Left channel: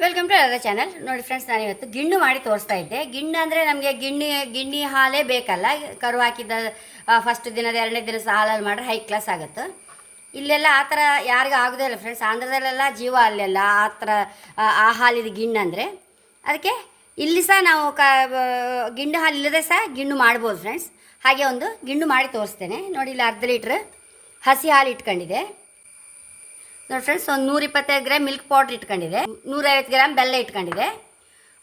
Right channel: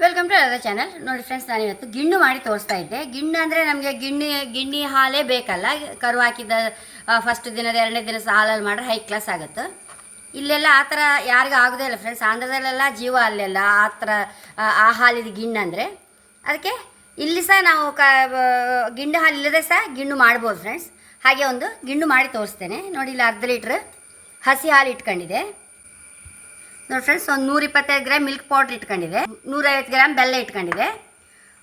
Welcome to ಅದ channel ನೋಡಿ friends ನಾನು ಇವತ್ತು ಗಿಣ್ಣು ಮಾಡಿ ತೋರಿಸ್ತಾ ಇದ್ದೆ. ಗಿಣ್ಣು ಅಂದರೆ ನಮಗೆ ಗಿಣ್ಣಿ ಗಿಣ್ಣಿ ಹಾಲೇ ಬೇಕಲ್ಲ. ಕರು ಹಾಕಿದ ಫಸ್ಟ್ ದಿನದ, ಎರಡನೇ ದಿನ ಹಾಲಲ್ಲಿ ಮಾಡ್ರೆ ಹೈ ಕ್ಲಾಸ್ ಆಗುತ್ತೆ. ಇಲ್ಲೆಲ್ಲ ಆ ಥರ ಯಾರಿಗೂ ಆಗೋದೇ ಇಲ್ಲ ಫ್ರೆಂಡ್ಸ್ ಆಂಧ್ರದಲ್ಲೆಲ್ಲ ಜೀವ ಅಲ್ಲೆಲ್ಲ ಆ ಥರ, ಆ- ಆ ಹಾಲಿದ ಗಿಣ್ಣು ಅಂದರೆ ಅದಕ್ಕೆ ಇಲ್ಲಿ ಸಹ ನಾವು ಕ ಗಿಣ್ಣು ಹಾಲು ಇಲ್ಲದೆ ಸಹ ಗಿಣ್ಣು ಮಾಡ್ಬೋದು ಫ್ರೆಂಡ್ಸ್ ಹಾಗೆ ಒಂದು ಗಿಣ್ಣು ಮಾಡಿ ತೋರಿಸ್ತೇನೆ. ನೋಡಿ ಇಲ್ಲಿ ಅರ್ಧ ಲೀಟ್ರ್ ಹಸಿ ಹಾಲು ಇಟ್ಕೊಂಡಿದೆ. ನೋಡಿ ಫ್ರೆಂಡ್ಸ್ ಒಂದು ನೂರ ಇಪ್ಪತ್ತೈದು ಗ್ರಾಮ್ ಮಿಲ್ಕ್ ಪೌಡ್ರ್ ಇಟ್ಕೊಂಡಿದೆ. ನೂರೈವತ್ತು ಗ್ರಾಮ್ ಬೆಲ್ಲ ಇಟ್ಕೊಂಡಿದೆ.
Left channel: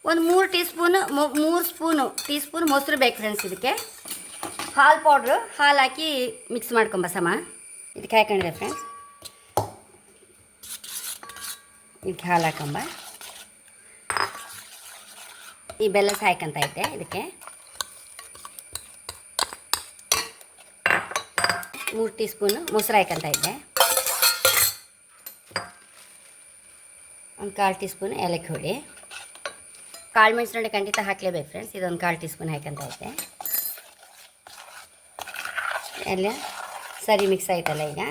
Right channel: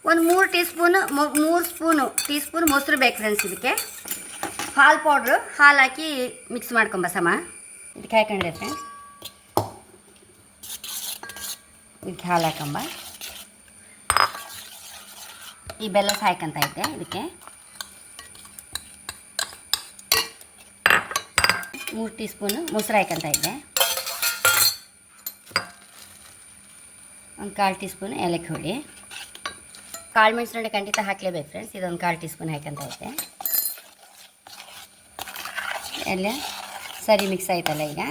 ಒಂದು ಮೂರು ಟೀ ಸ್ಪೂನು ಮೂರು ಸ್ಪೂನು ಟೀ ಸ್ಪೂನ್ ಮೊಸರು ಬೇಕು ಫ್ರೆಂಡ್ಸ್ ಇದಕ್ಕೆ. ಹಾಲು ಪೌಡ್ರು ಹಾಲು ಹಾಕಿ ಮಿಕ್ಸ್ ಮಾಡ್ಕೊಂಬ ಸಮ ಇದಕ್ಕೆ ಹಾಕೊಂಡಿದೆ ಫ್ರೆಂಡ್ಸ್ ಇದಕ್ಕೆ ಹಾಲು ಹಾಕೊಂಬ ಈ ಬೆಲ್ಲ ಸಾಯ್ಕಂತ ಹಾಕಂತ ಐತೆ ಇದಕ್ಕೆ. ಮೂರು ಟೀ ಸ್ಪೂನು ಮೊಸರು ಹಾಕಂತ ಇದ್ದೆ ಒಂದು ಕಾಲು ಟೀ ಸ್ಪೂನ್ ಏಲಕ್ಕಿ ಹುಳಿ. ಕಾಳು ಮೆಣಸಿನ ಖಂಡಿತ ಹಾಕಲೇಬೇಕು ಫ್ರೆಂಡ್ಸ್ ಇದೊಂದು ಕಾಲು ಟೀ ಸ್ಪೂನ್ ಹಾಕಂತ ಐತೆ ಎಲ್ಲ ಸರಿ ಮಿಕ್ಸ್ ಆಯ್ತಲ್ಲ ಈಗ.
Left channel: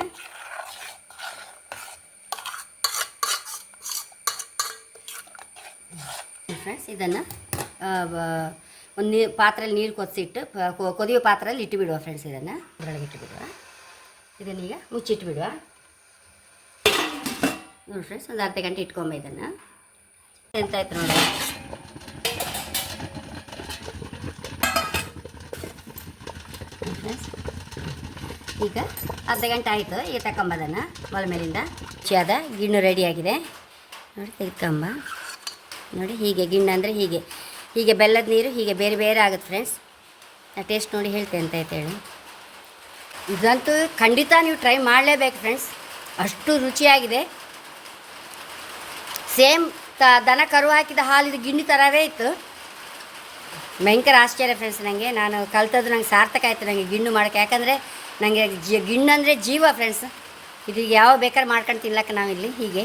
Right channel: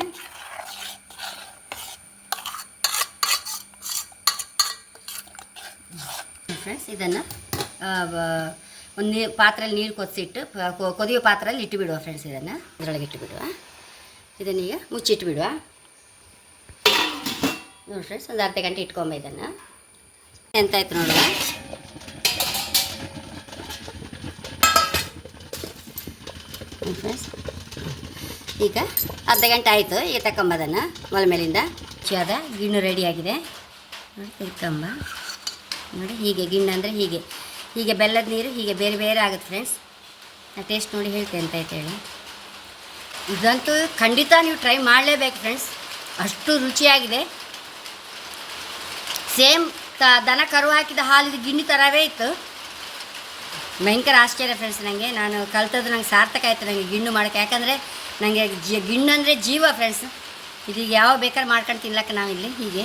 ಫ್ರೆಂಡ್ಸ್ ಇದನ್ನು ಒಂದು ನೀರು ಪಾತ್ರೆಯಲ್ಲಿ ನೀರು ಕೊದಿಸಿಟ್ಟು ಕೊದಿಯೋ ಪಾತ್ರೆಯಲ್ಲಿ ಇಟ್ಟುಬಿಡುವ ಫ್ರೆಂಡ್ಸ್ ಇದನ್ನು. ಅದರೊಳಗೆ ಇಟ್ಟುಬಿಡುವ ಇದನ್ನೀಗ ಮುಚ್ಚಿಟ್ಬಿಡುವ. ನೋಡಿ ಫ್ರೆಂಡ್ಸ್ ಒಂದು ಅರ್ಧ ಗಂಟೆ ಇಟ್ಕೊಂಬ ಇದನ್ನು. ಎಂತಾಯ್ತು ನೋಡಿ. ಈಗ ಅರ್ಧ ಗಂಟೆ ಆಯಿತು, ಈಗ ಅದನ್ನು. ಮೊಲ ಮೇಲಿಂದ ಚಾದ ಗಿಣ್ಣು ರೆಡಿಯಾಗಿದೆ ನೋಡಿ, ತೆಗೆದುಕೊಂಬ. ನೋಡಿ, ಹೀಗೆ ಗಿಣ್ಣು ಅಂದರೆ ಹೀಗೆ. ಹೀಗೆ ಬೆಲ್ಲದ ನೀರು, ಹೀಗೆ ಬೇರೆ ಬೇರೆ ಆಗುತ್ತೆ ಫ್ರೆಂಡ್ಸ್ ನಾ ಟೇಸ್ಟ್ ನೋಡಿ ಹೇಳ್ತೇನೆ ಅಂತ ಹೇಳಿ. ಇದಂತೂ ಖಂಡಿತ ನೀವು ಟ್ರೈ ಮಾಡಲೇಬೇಕು ಫ್ರೆಂಡ್ಸ್ ಅಷ್ಟು ರುಚಿಯಾಗಿದೆ. ಸೇಮ್ ತ ದನ ಕರು ಹಾಕಿದ ಹಾಲಿದ ಗಿಣ್ಣಿ ಥರವೇ ಇತ್ತು. ಭಯಂಕರ ಆಶ್ಚರ್ಯ ಫ್ರೆಂಡ್ಸ್ ನನಗೆ ನಾನು ಕಲ್ತದ್ದು ನಂಗೆ ಸಾರ್ಥಕ ಆಯಿತು ನನಗೆ ಗಿಣ್ಣು ಮಾಡೋಕೆ ಯಾಕಂದರೆ ನನಗೆ ಜಿ, ಗಿಣ್ಣು ಅಂದರೆ ಜೀವ ಫ್ರೆಂಡ್ಸ್ ಇದೀಗ ಯಾವ ಬೇಕಾದ್ರೆ ಮಾಡ್ಕೊಂಡು ತಿನ್ಲಕ್ಕೆ ನಾವಿಲ್ಲಿ ಹೀಗೆ.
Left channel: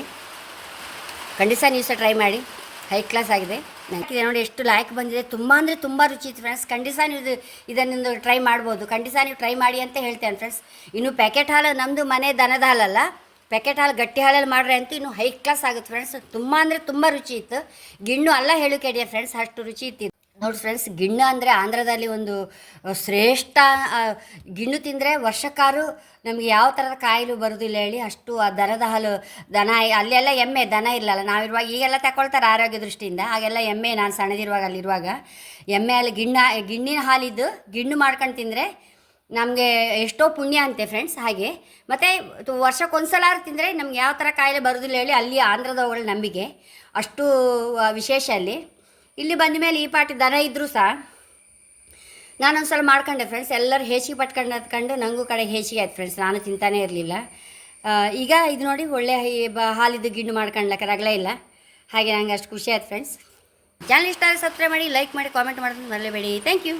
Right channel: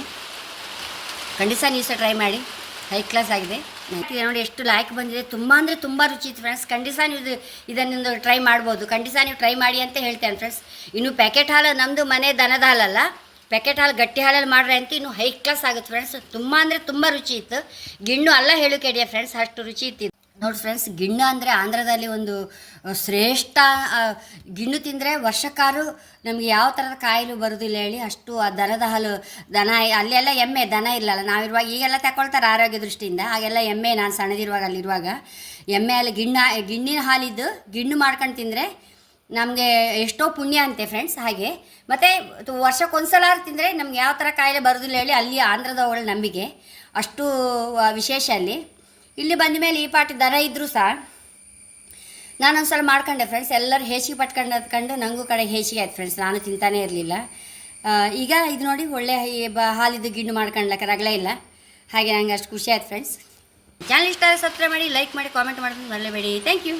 ಖಂಡಿತ ನೀವು ಸಹ ಟ್ರೈ ಮಾಡಿ. ಹೈ ಕ್ಲಾಸ್ ಆಗಿದೆ. ನೋಡಿ, ಎಷ್ಟು ಲಾಯ್ಕ್ ಬಂದಿದೆ. ತುಂಬ ಅಂದರೆ ತುಂಬ ರುಚಿ ಇತ್ತು ಫ್ರೆಂಡ್ಸ್ ಖಂಡಿತ ನೀವು ಇದು ಇದನ್ನು ಟ್ರೈ ಮಾಡ್ಬೋದು. ಖಂಡಿತ ನೀವು ಟ್ರೈ ಮಾಡಿ ಅಂತ ಹೇಳ್ತೇನೆ ಫ್ರೆಂಡ್ಸ್ ಇನ್ನು ಪ್ಯಾಕೆಟ್ ಹಾಲು ನಮ್ಮದು ಮನೆ ದನದ ಹಾಲಲ್ಲ. ಪ್ಯಾಕೆಟ್ ಹಾಲು ಗಟ್ಟಿ ಹಾಲಲ್ಲಿ ಮಾಡ್ರೆ ಅಂತ ಇನ್ನು ಹೈ ಕ್ಲಾಸ್ ಆಗುತ್ತೆ ಫ್ರೆಂಡ್ಸ್ ತುಂಬ ಅಂದರೆ ತುಂಬ ರುಚಿ ಇತ್ತು. ಗಿಣ್ಣು ಅಲ್ಲ ಹೇಳು ಕೇಳಿಯ ಫ್ರೆಂಡ್ಸ್ ಅಷ್ಟು ರುಚಿ ಇತ್ತು. ನೋಡಿ ಫ್ರೆಂಡ್ಸ್ ಗಿಣ್ಣು ಅಂದರೆ ಆಂಧ್ರದಲ್ಲಿ ಒಂದು ಶ್ರೇಷ್ಠ ಗಿಣ್ಣು ತಿಂದರೆ ವರ್ಷಕ್ಕಾರು ನಮಗೆ ಯಾವ ಥರದ ಕಾಯಿಲೆ ಬರೋದಿಲ್ಲ ಹೇಳಿ ಅಷ್ಟು ಆ ದನದ ಹಾಲು, ದನ, ಅಲ್ಲೆಲ್ಲ ಎಮ್ಮೆ, ದನ ಇಲ್ಲಲ್ಲ. ನಾವಿರುವಾಗ ಈಗೆಲ್ಲ ತಗೊಳ್ತಾರೆ ಆರೋಗ್ಯ ದೃಷ್ಟಿಯಿಂದ. ಹಾಗೆಲ್ಲ ಎಮ್ಮೆ, ನಾನು ಸಣ್ಣದಿರುವಾಗ ಅಲ್ಲಿರುವಾಗ. ಎಮ್ಮೆ ಅಲ್ಲಿ ಗಿಣ್ಣ, ಗಿಣ್ಣಿನ ಹಾಲಿದ್ದು ಗಿಣ್ಣು ಮಾಡ್ಕೊಂಡು ತಿಂದರೆ ನಮಗೆ ಎಷ್ಟೋ ಪುಣ್ಯ ಅಂತೆ ಫ್ರೆಂಡ್ಸ್ ಹಾಗೆ. ಮತ್ತು ವರ್ಷಕ್ಕೊಂದ್ಸಲ ತಿಂದರೆ ನಮ್ಗೆ ಯಾವ ಥರ ಕಾಯಿಲೆ ಬರೋದಿಲ್ಲ ಹೇಳಿ ಅಲ್ಲಿ ಆಂಧ್ರದವಳ ನಂಬಿಕೆ. ಅಷ್ಟು ವಿಶೇಷ ಅಲ್ಲಿ. ಇಲ್ಲಿ ಬಂದ ಮೇಲೆ ಈ ಪಾಟಿ ದರ ಇದ್ದರೂ ಸಹ ನಾನೊಂದು ಸಲ ಮಾಡ್ಕೊಂಡೆ ಫ್ರೆಂಡ್ಸ್ ಎಲ್ಲರೂ ಹೇಸಿಗೆ ಪಟ್ಕೊಂಡು ಹತ್ಕೊಂಡು ನನಗೂ ಕಡೆ ಹೇಸಿಗೆ ಆಯ್ತು ಫ್ರೆಂಡ್ಸ್ ನಾನು ತಿಂತಾನೇ ಇರಲಿಲ್ಲ. ಈಗ ಇದು ನೋಡಿ ಒಳ್ಳೆ ಹಾಲಿದ್ದು ಗಿಣ್ಣು ಮಾಡ್ಕೊಂಡ್ಲಕ್ಕ ರಗಲೇ ಇಲ್ಲ. ಹಾಗೆ ನಂಗೆ ಅಷ್ಟು ಖುಷಿ ಆಯ್ತು ಫ್ರೆಂಡ್ಸ್ ಚಾನಲ್ ಇಷ್ಟ ಆದರೆ ಸಬ್ಸ್ಕ್ರೈಬ್ ಮಾಡಿ ಲೈಕ್ ಮಾಡಿ ಕಾಮೆಂಟ್ ಮಾಡಿದ್ರೆ ಬರಲೇಬೇಡಿ ಥ್ಯಾಂಕ್ ಯು